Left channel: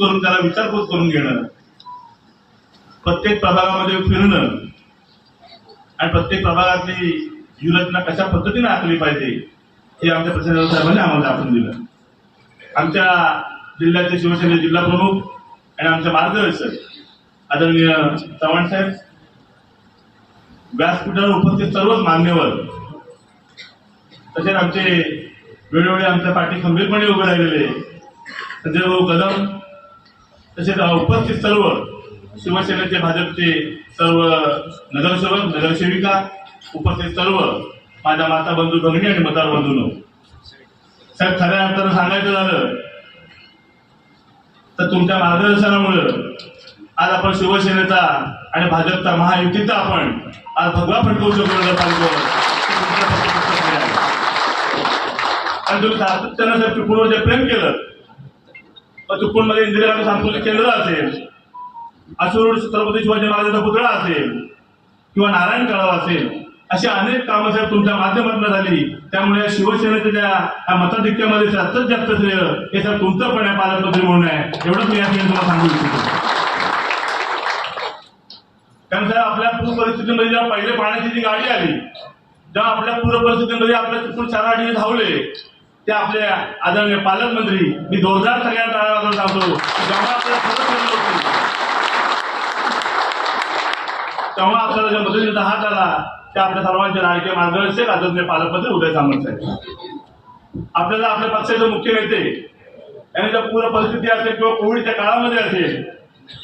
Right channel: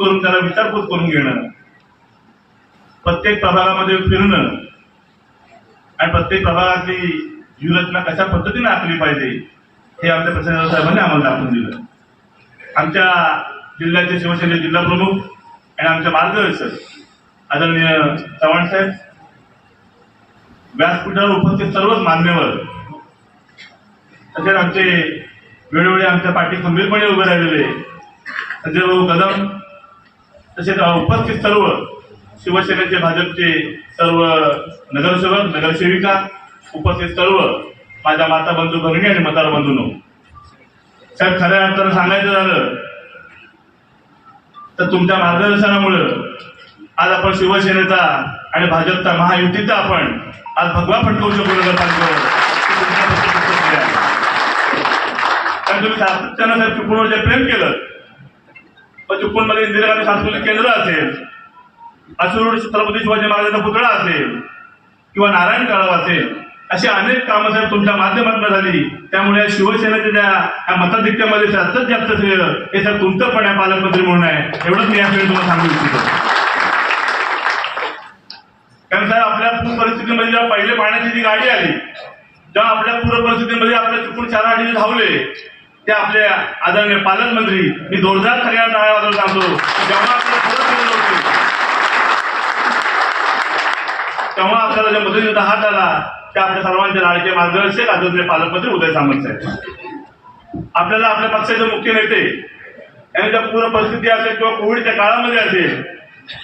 करून त्याला विचारपूस करून घेणं. प्रत्येक प्रभागामध्ये फिरणं आणि प्रत्येक प्रभागातली व्यूहरचना कशा पद्धतीने आखली पाहिजे हे आमच्या प्रसन्न साहेबांनी आम्हाला दाखवून दिलं. आमच्या जिल्ह्याचे शिवसेने जिल्हा प्रमुख आणि आमच्या मार्गदर्शक आदरणीय चव्हाण साहेब व्यासपीठावर उपस्थित सर्वच मान्यवर तसेच आमचे वेळोवेळी आमच्या पाठी खंबीरपणे उभे राहिलेले संजय भाऊ कदम तसेच उपस्थित सर्व शिवसेनेचे भाजपचे सर्व नगरसेवक नगरसेविका उपस्थित सर्व माझ्या माता बंधू भगिनी आणि मतदार बंधूंनो. साहेब खऱ्या अर्थानं सांगायचं झालं तर तुमच्या मार्गदर्शनामुळं आज आपण शिवसेनेचा आणि भाजपचा महायुतीचा आपण आज भगवा फटकवू शकतो नगरपालिकेवर. आणि तुम्ही सातत्यानं साहेब चिपळूणवर जे प्रेम केलं मग इंदिरा गांधी सांस्कृतिक केंद्र असेल असूर छत्रपती शिवाजी महाराजांचा पुतळा असेल किंवा नारायण काळाव असेल अशी अनेक कामं साहेब तुमच्या माध्यमातून झाली. त्यामुळे शिवसेनेच्या ज्या या मताधिक्यामध्ये जास्तीत जास्त श्रेय हे साहेब तुमचं पण आहे पालकमंत्री म्हणून आहे. एवढंच मी या तुम्हाला सांगू इच्छितो. कारण साहेब आपल्या पूर परिस्थितीमध्ये जेव्हा पहिले पाण्याची जी गाडी आली तेव्हा आपल्या पूर परिस्थितीमध्ये आपल्या चुकून चार आठ धावले. ते आपले आदरणीय पालकमंत्री मी जोरदार सगळ्या तळावर सांगतो जेव्हा तेव्हा आपल्याला ज्या मदतीचा हात आला ते आपल्या सर्वांचे लाडके मार्गदर्शक आदरणीय पालकमंत्री उदय सामंत साहेब. आपल्याला आपल्या पक्षाचे मुख्य नेते यांच्या पूर्ण परिस्थिती असेल किंवा कोविडच्या काळामध्ये असेल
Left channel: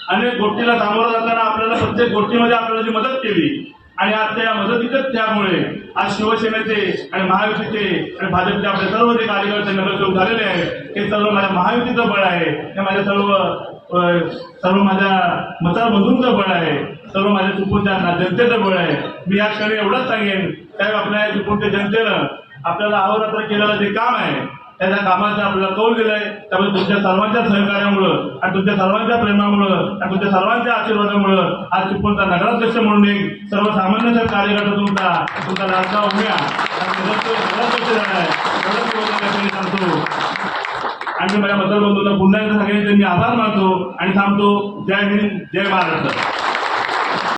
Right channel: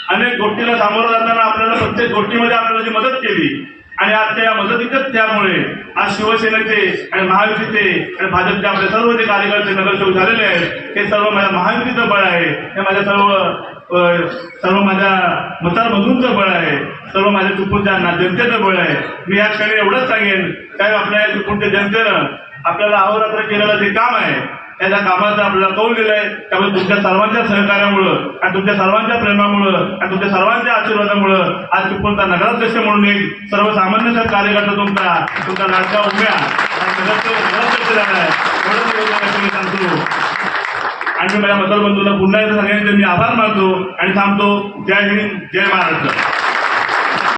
अनेक गोष्टीला सामोरं जाताना आपल्याला प्रत्येक गोष्टीमध्ये आपल्याला जी मदत केली आणि आज त्या मदतीच्याच त्यामुळे. आज शिवसेनेचे आणि महायुतीचे आणि भाजपचे आपले सर्व जे कार्यकर्ते नगरसेवक झालेले आहेत हे सर्व माझ्या महायुतीचं बळ आहे. हे माझ्या सर्व सर्व माझ्या मतामधूनचं बळ आहे. सर्व माझ्या चुकूनच्या ना- जनतेचं बळ आहे. मी या क्षणी एवढंच सांगेन साहेब आपल्या चुकूनच्या जनतेनं आपल्याला अहोरात्र केलेलं जे काम आहे त्या कामाचा आपल्याला कौल दिलाय. त्यामुळे तुमच्या सर्वांच्या सहकार्यामुळं आणि तुमच्या सर्वांच्या प्रेमामुळं आणि तुमच्या सर्वांच्या आशीर्वादामुळं आज चिपळूणचा नगराध्यक्ष म्हणून एक सर्वसामान्य कार्यकर्ता तुमचा तुमचा लाडका उभ्या आणि माझ्या मतदार बंधूंना पुन्हा एकदा सगळ्यांचे मी आभार मानतो आणि थांबतो. जय हिंद जय महाराष्ट्र.